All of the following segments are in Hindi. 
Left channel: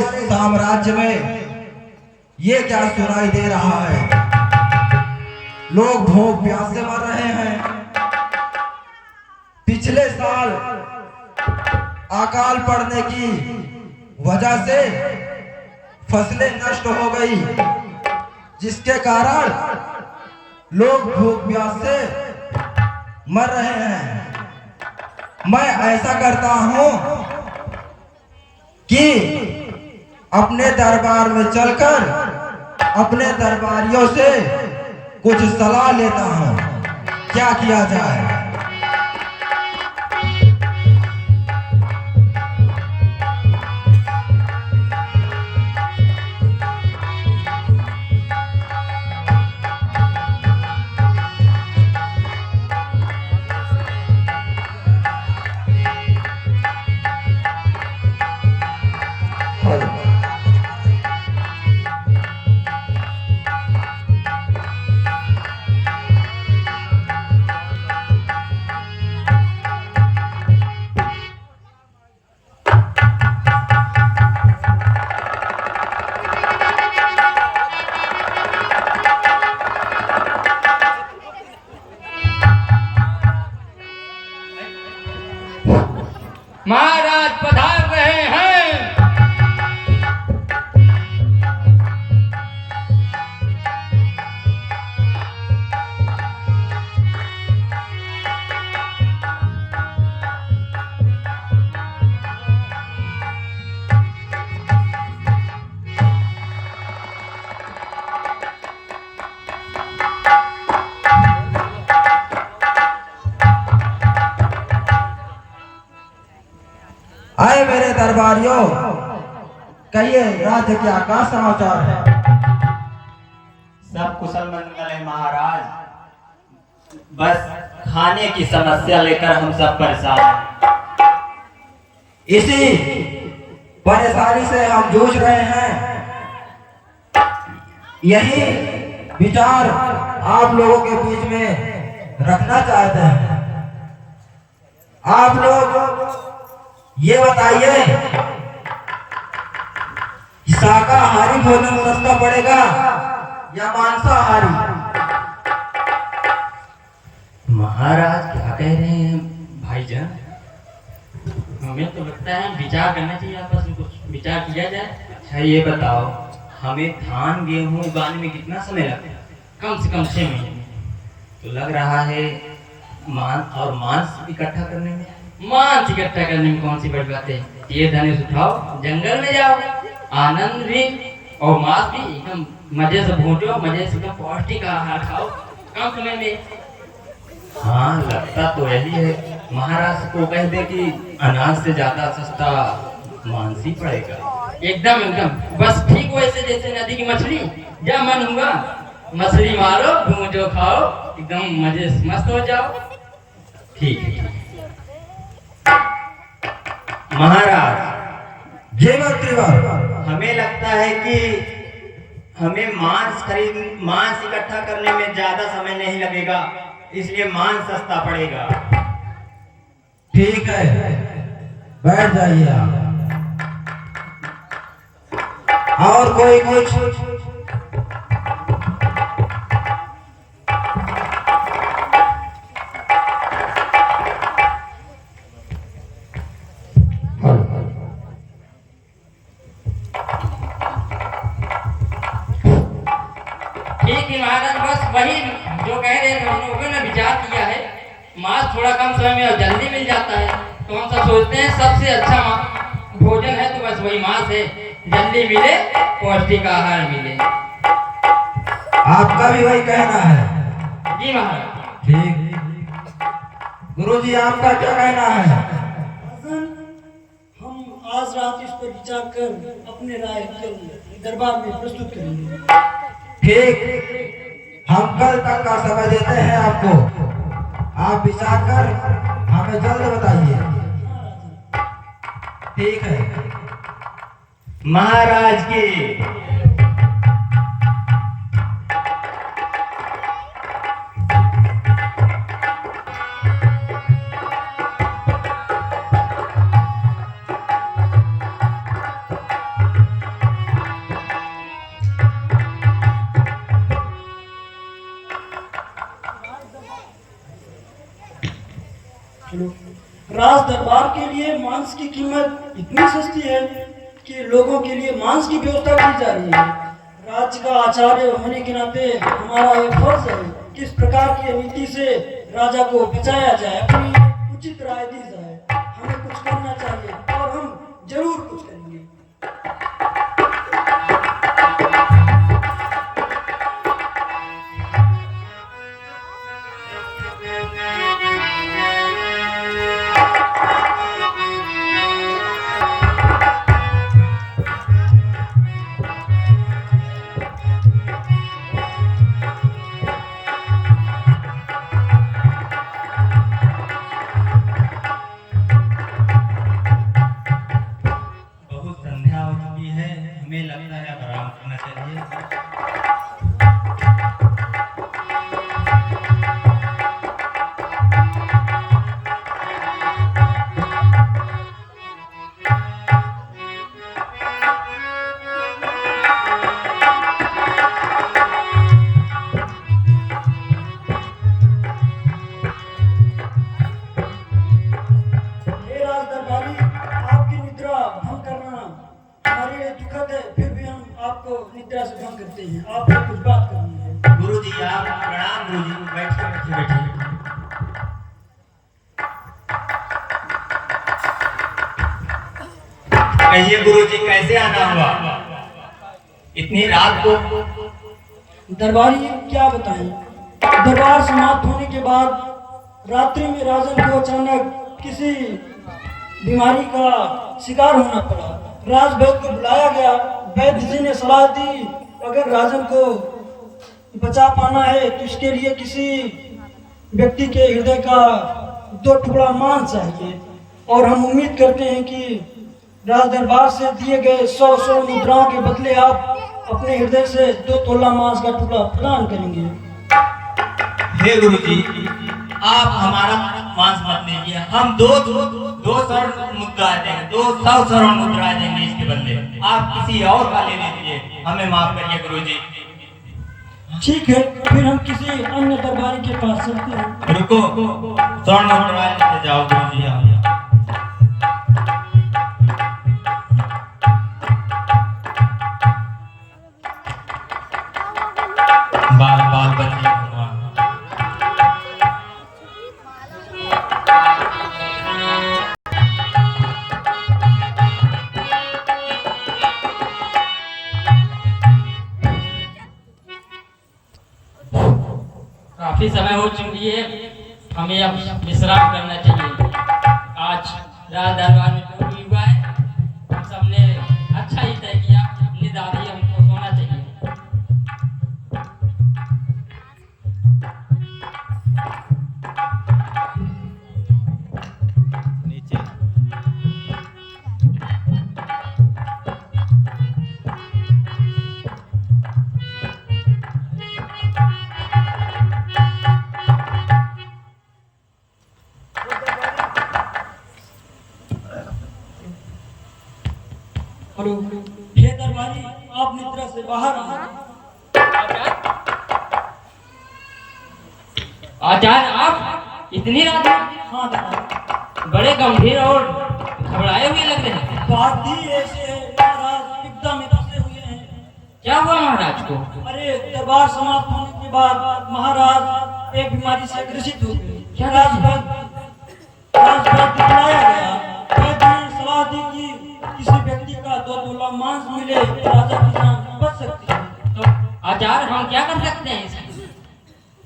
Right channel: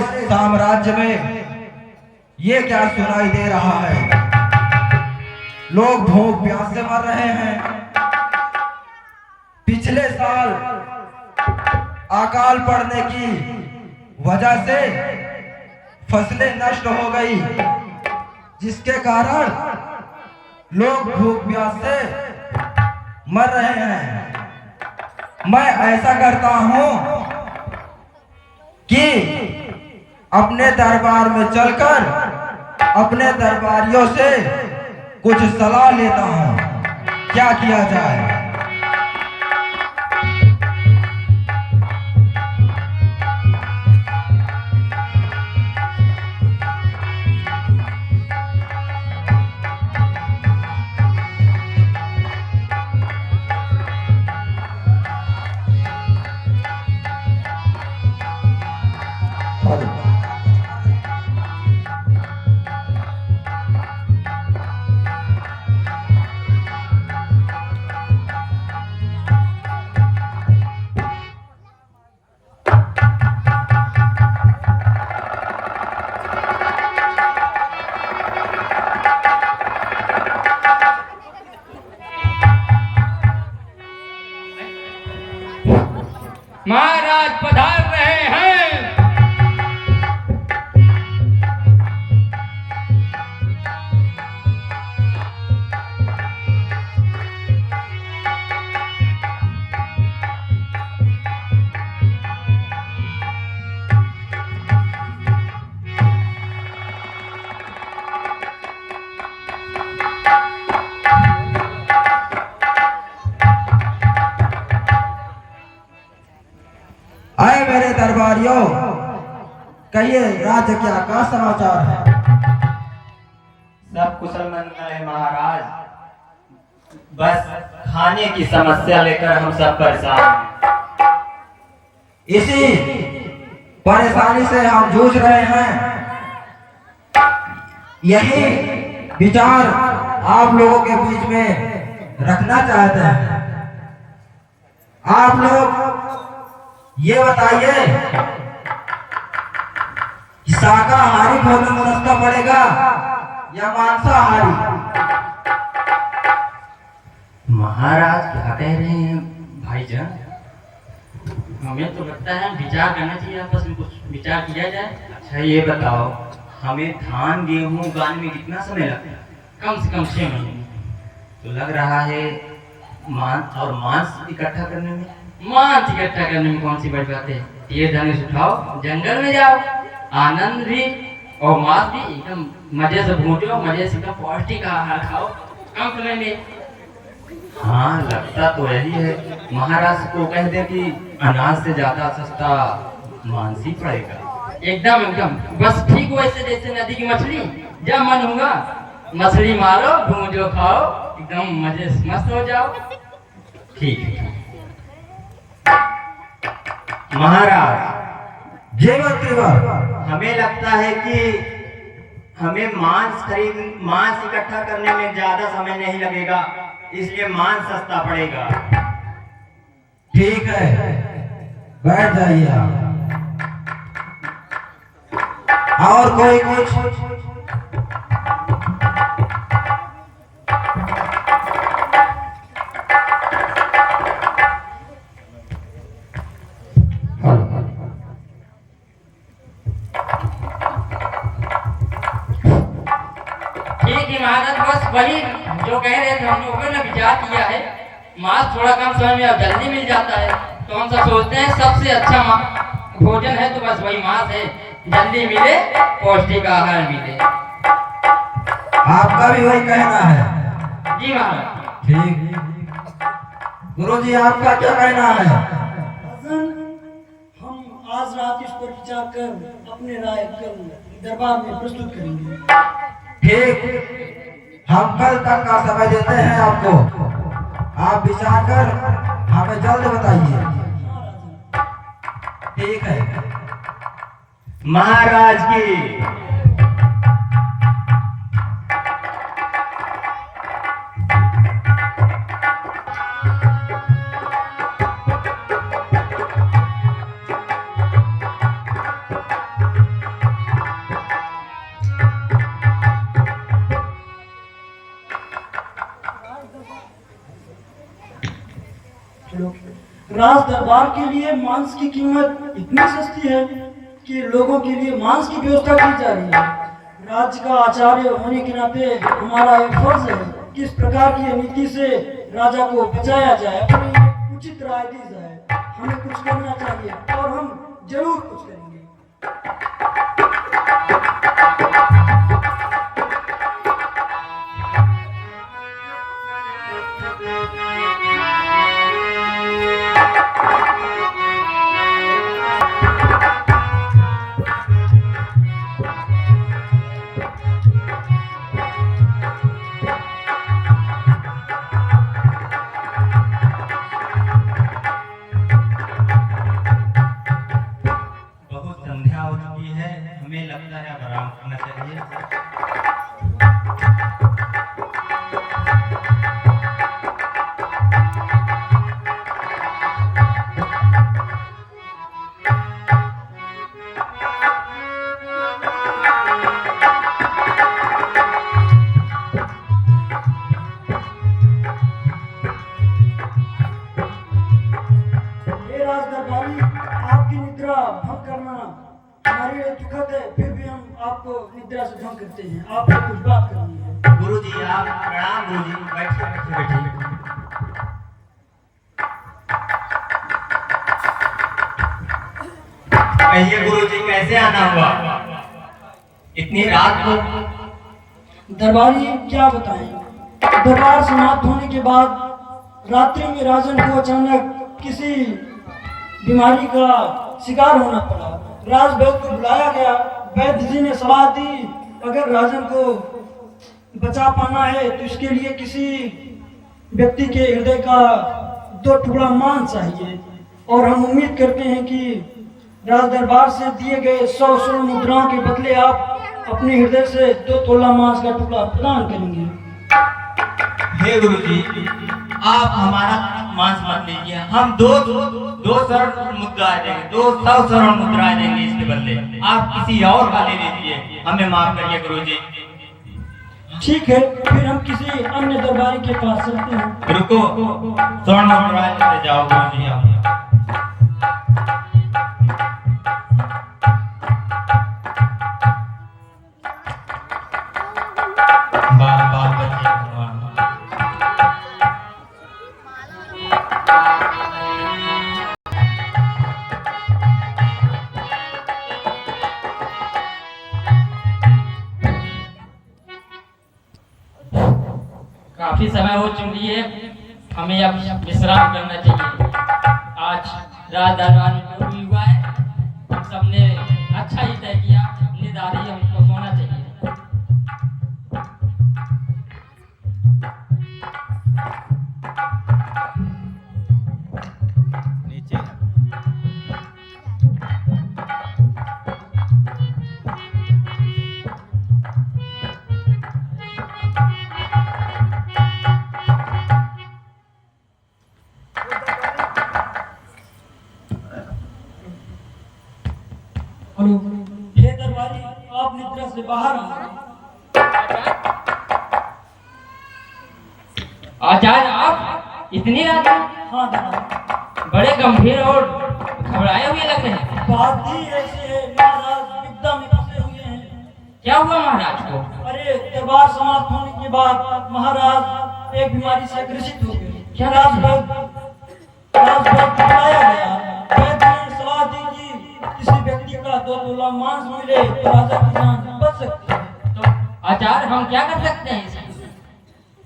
हमारे साम्राज्य में ये क्या सुनाई दे रहा है? लोग भूख प्यास से मर रहे हैं। पिछले साल अकाल पड़ने की वजह से फसलें नष्ट हो गई, जिसके कारण लोग भूख प्यास से मर रहे हैं। मैं ऐसा करता हूं कि अपने दरबार में चलकर अपने दरबारियों से कुछ सलाह लेता हूं, क्या किया जाए। महाराज पधार रहे हैं। आए मेरे दरबारियों, कहिए राज्य क्या का समाचार है? सब कुशल मंगल है महाराज, बस खाने की समस्या लेकर हम सब परेशान हैं। इसी परेशानी से हम जूझ रहे हैं। यही विचार आप लोगों के बीच में रखना चाहते हैं। आप लोग ये बताइए कि शाकाहारी भोजन सस्ता पड़ेगा या मांसाहारी? महाराज क्या कह रहे हैं भाईजान? हमें तो लगता है विचार करना चाहिए, आपस में कुछ विचार किया जाए। अच्छा ये बताओ, हमें धान गेहूं उगाने में कितना समय लगता है? कम से कम 6 महीने। तो लग रहा है मांस इकट्ठा करने में। मांस इकट्ठा करने में कौन सी बड़ी बात है? ये धनुष उठाओ, जंगल में जाओ, आनंद भी और मांस भी एकदम मजे से भूंजो, मजे से एकदम पौष्टिक आहार खाओ कम समय में। हाँ लगता तो यही है। महाराज को कह दे कि अनाज से ज्यादा सस्ता मांस ही पड़ेगा। एकदम एकदम बस ठीक वैसे जैसे नदी की मछली, जब मन होगा मछली मारो, भूंजो, खाओ, एकदम मजे से मस्त हो जाओ। ठीक है महाराज। जय मातृभा। हमें लगता है कि हमें मांस इकट्ठा करने में ज्यादा समय नहीं लगेगा, इसलिए मांस सस्ता पड़ेगा। ठीक है, बैठ जाइए आप। और कोई कुछ? ठीक है महाराज, बस वही जो कह रहे थे हम लोगों ने विचार किया है। मांस थोड़ा कम समय में और जल्दी मिल जाता है, तो हम सब सोचते हैं सबसे अच्छा भोजन है तो बस वही मांस है, जल्दी मिले, पौष्टिक आहार मिले। आपका भी वही कहना है? जी महाराज। ठीक। गुरुजी आपका क्या कहना है? हम आज रात इस पर विचार कर अपने राय कल दरबार में प्रस्तुत करेंगे। ठीक, हम कल तक का समय देते हैं आपको। आप विचार कर हमें जल्द बताइए। ठीक है महाराज की। राज दरबार के लिए मांस की कीमत इतनी सस्ती है कि लोगों के लिए मांस की व्यवस्था की जा रही है। राज्य का आचार्य होने के नाते हमारा एक फर्ज है कि इस प्रकार की नीति से राजा को बचाया जाए, अपनी उचित राय दी जाए। हमें कुछ करना चाहिए और हम जरूर कुछ करेंगे। बहुत संध्या हो चुकी है, हमें लगता है अब आराम करना चाहिए। हे राज दरबारी, आपकी निद्रा भंग करना हमारे लिए दुखद है, फिर भी हम आपको निद्रा से भंग करते हैं। आपको कुछ बात करनी है। गुरु जी आप प्रणाम। गुरु जी बैठिए बैठिए बैठिए। कहिए गुरु जी कैसे आना हुआ इतनी रात को? दरबारी क्या बताएं, दरबार समाप्त होने के बाद रात्रि में राजन को अचानक किसी बीमारी का शिकार होना पड़ा। राज वैद्य को बुलाया गया। वैद्य जी ने सलाह दी, अगर राजन को बचा पाना है तो इसके लिए किसी व्यक्ति के हृदय का 2 टुकड़ा मांस चाहिए, और हम उम्मीद करते हैं कि राज दरबार से दिए गए 100 स्वर्ण मुद्राओं के बदले आप अपने हृदय से 2 तोला मांस का टुकड़ा प्रदान करेंगे। हे गुरु जी आप हमारा मांस मत लीजिए, हम दो स्वर्ण मुद्रा देंगे, 200 स्वर्ण मुद्रा देंगे इसके बदले। आप किसी और का ले लीजिए, हमें माफ करिए गुरु जी। ठीक है, फिर हम किसी अन्य दरबारी के पास चलते हैं। रुको, स्वर्ण मुद्रा लेते जाओ गुरु जी आप। बाल बाल बच्चे काफी समय हो चुकी है, हमें अब विश्राम करना चाहिए। आज रात दरबार में जो भी हुआ है, हम सबने अच्छा ही तय किया। निदारी हमको सोना चाहिए। हे दरबारी, आप निद्रा से बाहर आ। आचार्य आप इतनी रात में? हाँ दरबारी। बड़े गंभीर और घबराए हुए लग रहे हैं। बात ही ऐसी है, महाराज विपदा में फंसे हुए हैं। क्या हुआ महाराज को? अरे दरबार समाप्त होने के बाद महाराज एक बीमारी से ग्रसित हो गए। क्या राजवैद्य को बुलाया गया। वैद्य ने सलाह दी कि किसी व्यक्ति का 2 तोला मांस मिले तो राजा की जान बच सकती है। तो आचार्य हम क्या कर सकते हैं इसमें?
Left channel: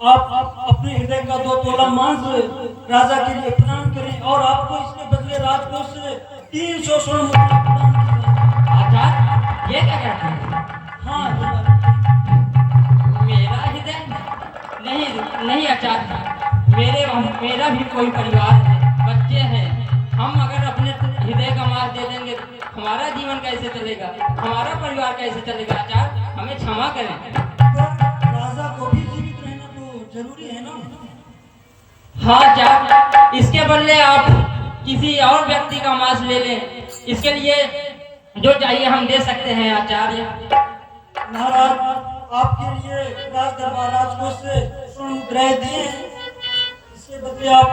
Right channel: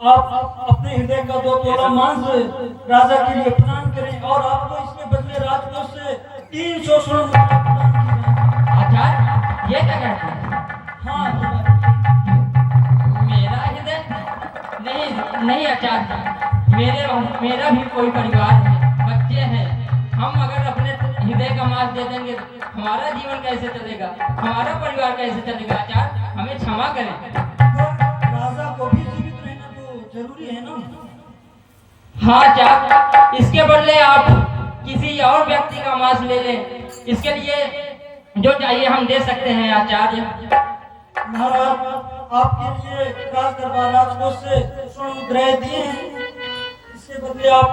आप अपने हृदय का 2 तोला मांस राजा के लिए प्रदान करें, और आपको इसके बदले राजकोष से 300 स्वर्ण मुद्रा प्रदान की जाएगी। आचार्य ये क्या कहते हैं? हाँ मेरा हृदय नहीं आचार्य, मेरा भी कोई परिवार है, बच्चे हैं। हम अगर अपने हृदय का मांस दे देंगे, हमारा जीवन कैसे चलेगा, हमारा परिवार कैसे चलेगा? आचार्य हमें क्षमा करें। राजा को भी जीवित रहना तो जरूरी है ना। हाँ आचार्य, इसके बदले आप किसी और व्यक्ति का मांस ले लें। इसके लिए जो चाहिए हम दे सकते हैं आचार्य। महाराज आपके लिए राज दरबार राजकोष से स्वर्ण मुद्राएं दिए हैं, इसके बदले आप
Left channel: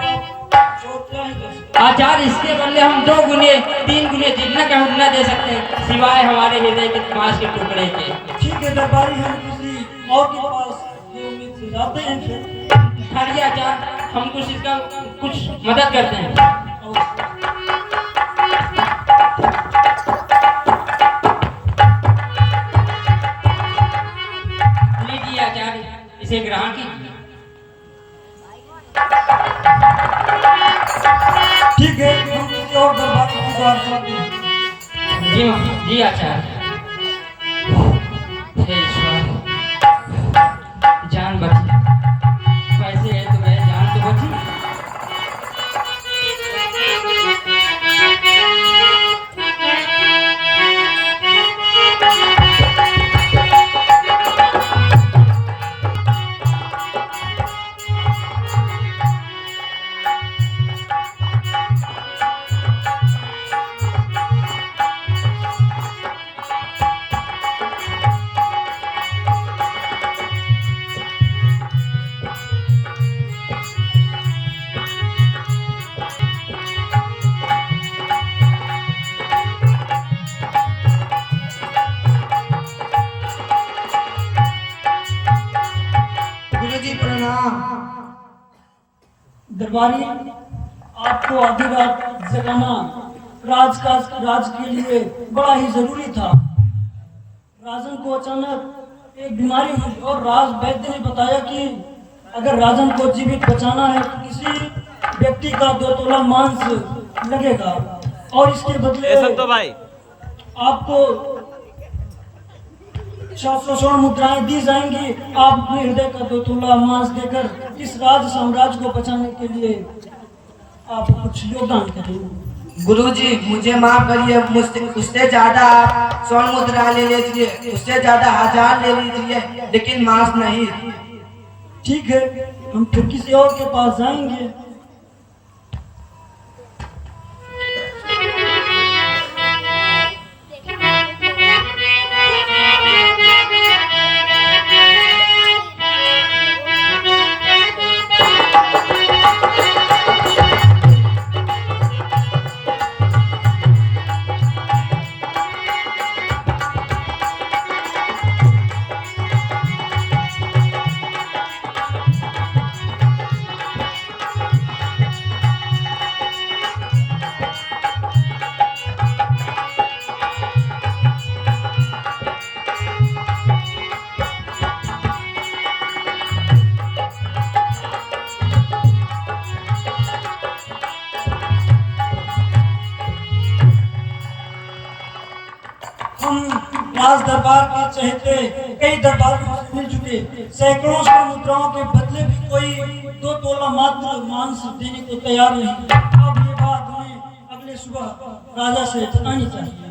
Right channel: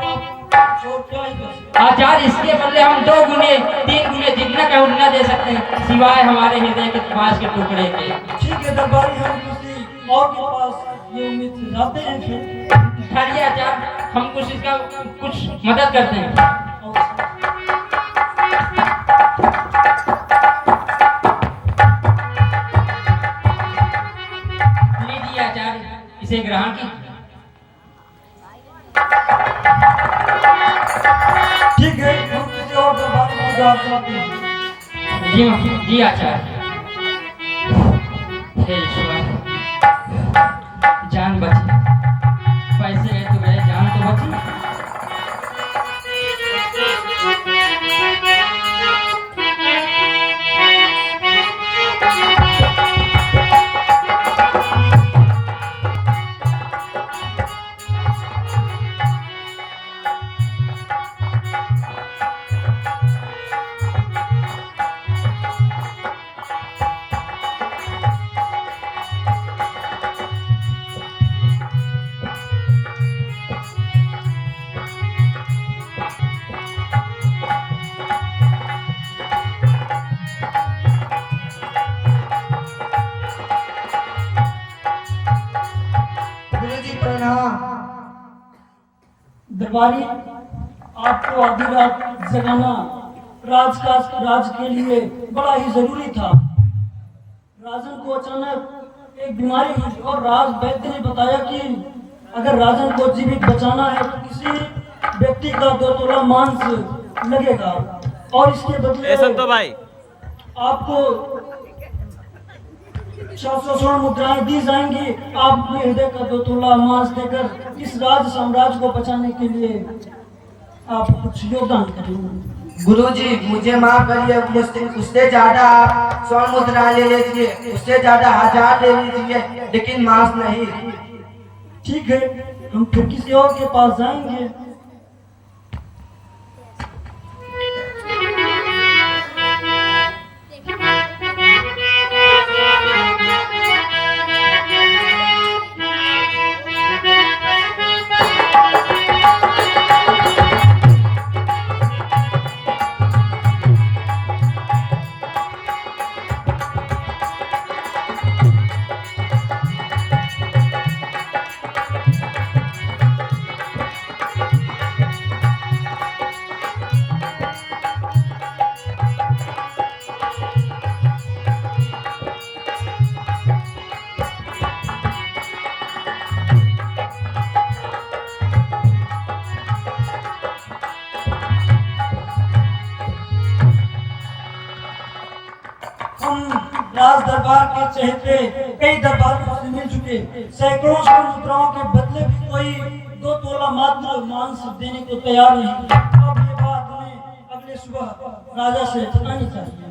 और क्या ही कर सकते आचार्य इसके बदले हम 2 गुने 3 गुने जितना कहे उतना दे सकते हैं, सिवाय हमारे हृदय के मांस के टुकड़े के। हैं। ठीक है दरबारी, हम किसी और के पास ये उम्मीद से जाते हैं फिर। ठहरिए आचार्य, हम कुछ इसका कुछ मदद करते हैं। लीजिए आचार्य, इसे ग्रहण कीजिए। ठीक है, हम किसी और दरबार में जा सकते हैं। जी आचार्य। हे ईश्वर, जान बची, पैसे गए तो गए, जान तो बची। गुरुजी प्रणाम। दरबारी, आपको आधी रात जगाना राज के लिए बड़ा ही जरूरी था। राजन को अचानक एक बीमारी हुई और राज वैद्य ने बताया कि अगर राजन को जीवित बचाना है तो किसी व्यक्ति का 2 तोला मांस लगेगा और इसके बदले संतो भाई आपको 700 स्वर्ण मुद्राएं दी जाएंगी। आप अपने हृदय का 2 तोला मांस देकर इस राज साम्राज्य को बचाने के लिए आप कुछ योगदान करेंगे। गुरुजी मुझे माफ करिए, मुझसे उससे ज्यादा आप स्वर्ण मुद्रा ले लीजिए, उससे ज्यादा 1000 ले लीजिए, लेकिन मांस नहीं। ठीक है, हम फिर किसी और के पास जाएंगे। राज दरबार के चहेते कई दरबारों से मिल चुके, सैकड़ों स्वर्ण मुद्राओं के बदले भी कोई 2 तोला मात्र मांस देने को तैयार नहीं। अब ये बात हमें अगले सुबह राजा से जतानी चाहिए।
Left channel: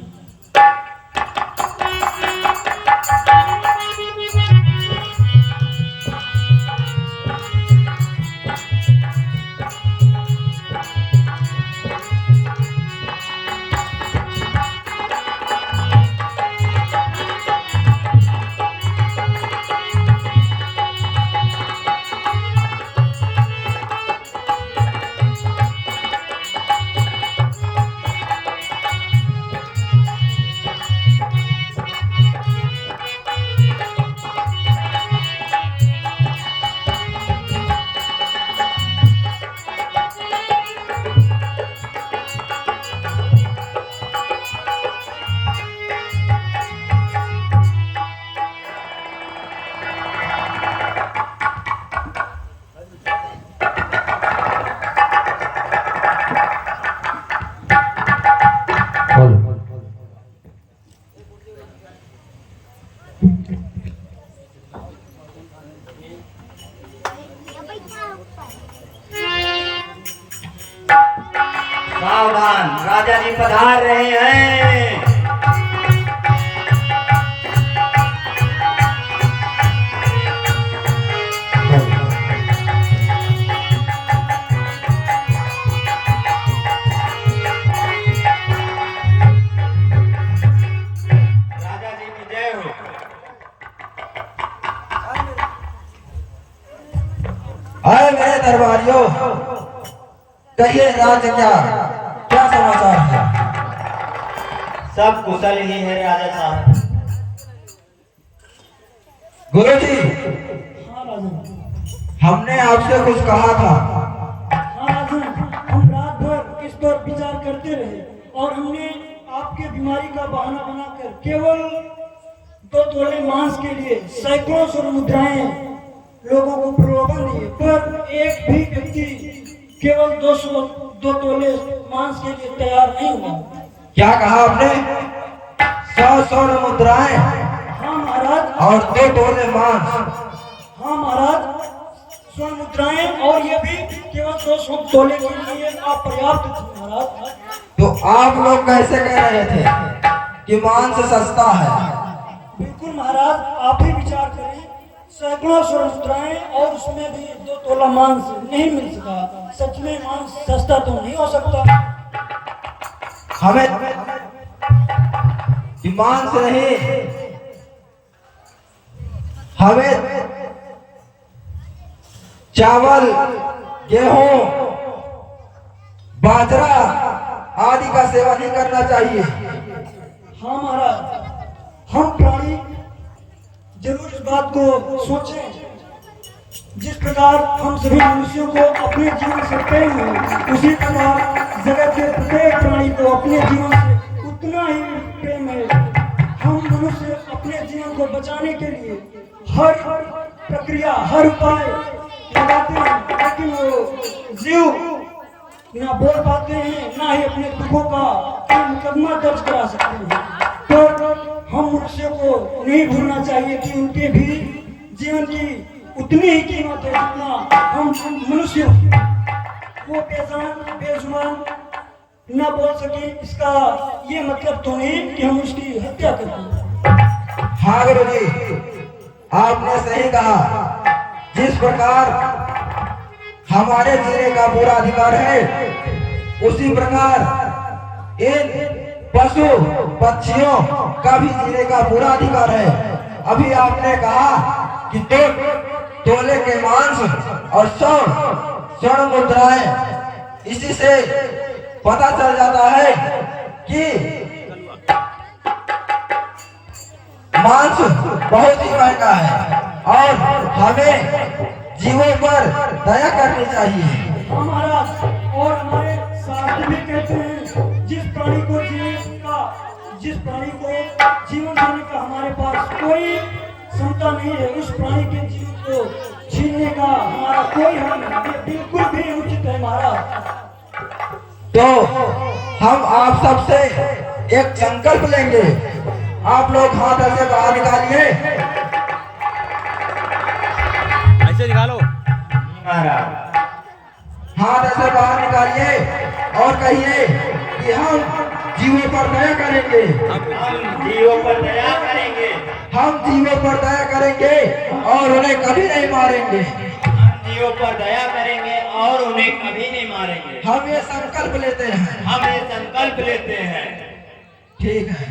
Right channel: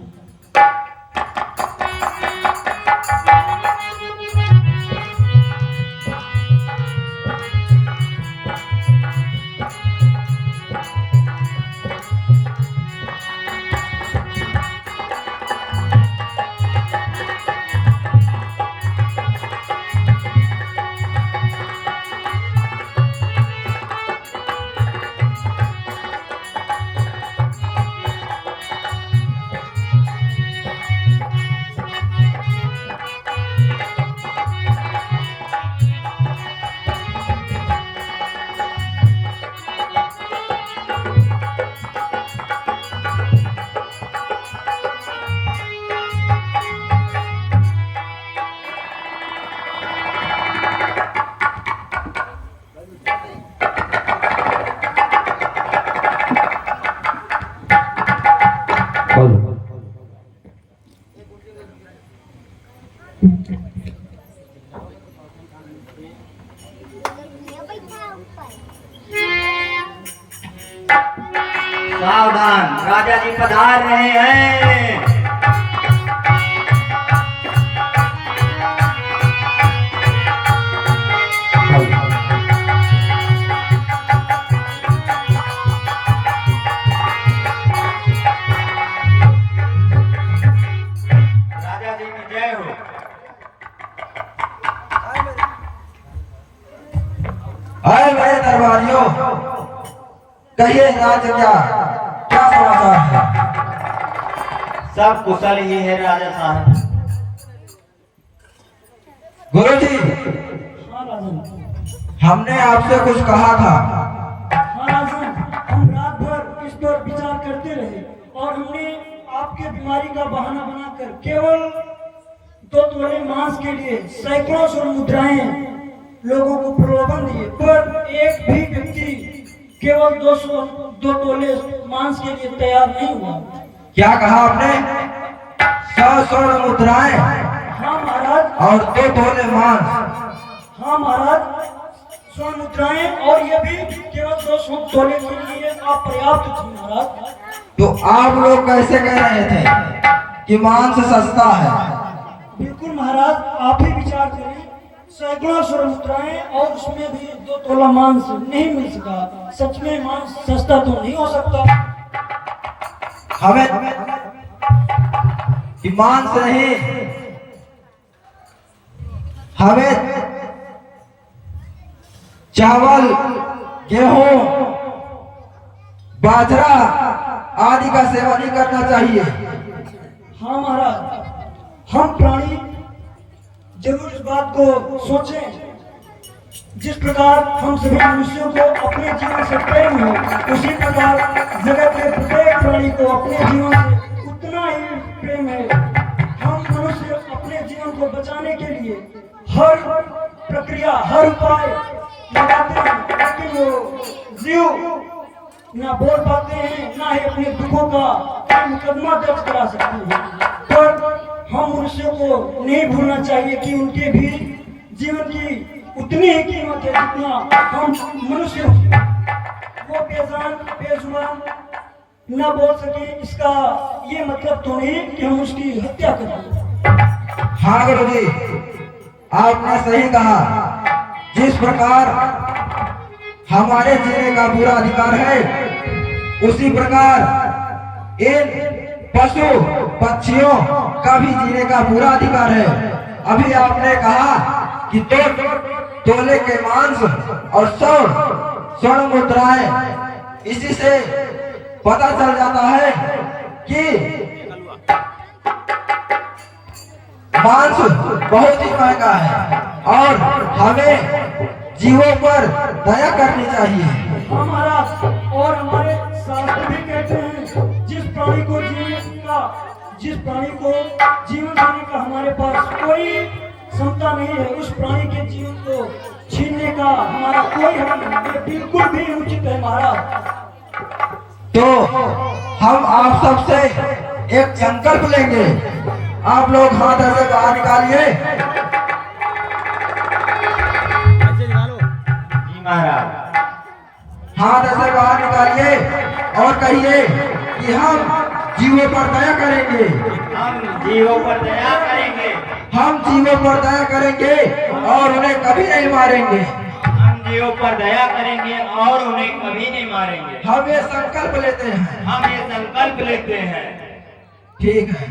सावधान, राजा जी पधार रहे हैं। राजा जी की जय हो। आए मेरे दरबारियों, कहिए राजा क्या क्या समाचार है? सब कुशल ही है राजा साहब। गुरुजी, हाँ राजन। हमने आपसे कुछ कहा था। हाँ राजन, हम रात भर इस पर विचार करते रहे और हमने आपके बीमारी का बहाना बनाकर केवल 2 तोले मांस के लिए सैकड़ों स्वर्ण मुद्राएं लोगों को प्रलोभन दिए, पर एक भी व्यक्ति केवल 2 तोले मांस के लिए तैयार नहीं हुआ। क्या कहा आपने? 100 स्वर्ण मुद्राएं हाँ महाराज। और 2 तोले मांस। हाँ महाराज, स्वर्ण मुद्राएं और ये भी केवल 200 तोले के लिए अपर्याप्त थी महाराज। तो आप लोग कैसे कह रहे थे कि मांस सस्ता है? बिल्कुल महाराज, आप ही विचार करें, सैकड़ों स्वर्ण मुद्राएं और उसमें भी 2 तोला मांस नहीं मिल सका। सच में मांस सस्ता तो नहीं हो सकता। हमें मांस नहीं, हमें चावल, गेहूं, बाजरा आदि का सेवन नहीं करना चाहिए। हाँ महाराज, हम प्राणी जरूर इस बात को सोचें। जिस प्रकार हम सभी मनुष्यों को अपने जीवन से प्रेम है, उसी प्रकार जगत के प्रत्येक प्राणी को अपने जीवन से उतना ही प्रेम है। हम मनुष्य अपने जीवन को बचाने के लिए हर प्रक्रिया, हर उपाय लगाते हैं, लेकिन वो जीव ना बोल पाते हैं, ना ही अपने दुखों का मुकदमा दर्ज करा सकते हैं। पर हम मनुष्य को नहीं भूलना चाहिए कि उनके भी जीवन की उतनी ही कीमत है जितना हम मनुष्य। वो बेजान बेजुबान ना बोल सके, इसका ये मतलब तो नहीं कि हम उसकी हत्या करें। हाँ गुरुजी, आपने सही कहा। जिस प्रकार हमारे जीने का पूरा अधिकार है, उसी प्रकार इन पशु पक्षियों का भी जीने का पूरा अधिकार है। अभी आपने कहा कि 2 तोले के मांस और 100 स्वर्ण मुद्राएं, इसी से पता चल जाता है कि मांस बहुत ही महंगा है और हमें जीवों पर दया करनी चाहिए। हमारा और हमारे शास्त्र भी कहते हैं, जिस प्राणी को जीवन देने का हमारे पास कोई क्षमता नहीं है, उस प्राणी के जीवन को छीनने का हमारा कोई हक नहीं। ये बिल्कुल भी उचित है महाराज। तो हम आप सबसे एक संकल्प लेंगे। आप लोग हाथ ऐसे बाहर निकालिए। ऐसे निकालो महाराज। हाथ ऐसे बाहर निकालिए और कहिए कि हम जीवों पर दया करेंगे। हम जीवों पर दया करेंगे। हम जीवों पर दया करेंगे और उन्हें कभी नहीं मारेंगे। हम जीवों पर दया करेंगे और उन्हें कभी नहीं मारेंगे। हम ये संकल्प लेते हैं। हम ये संकल्प लेते हैं। ठीक है।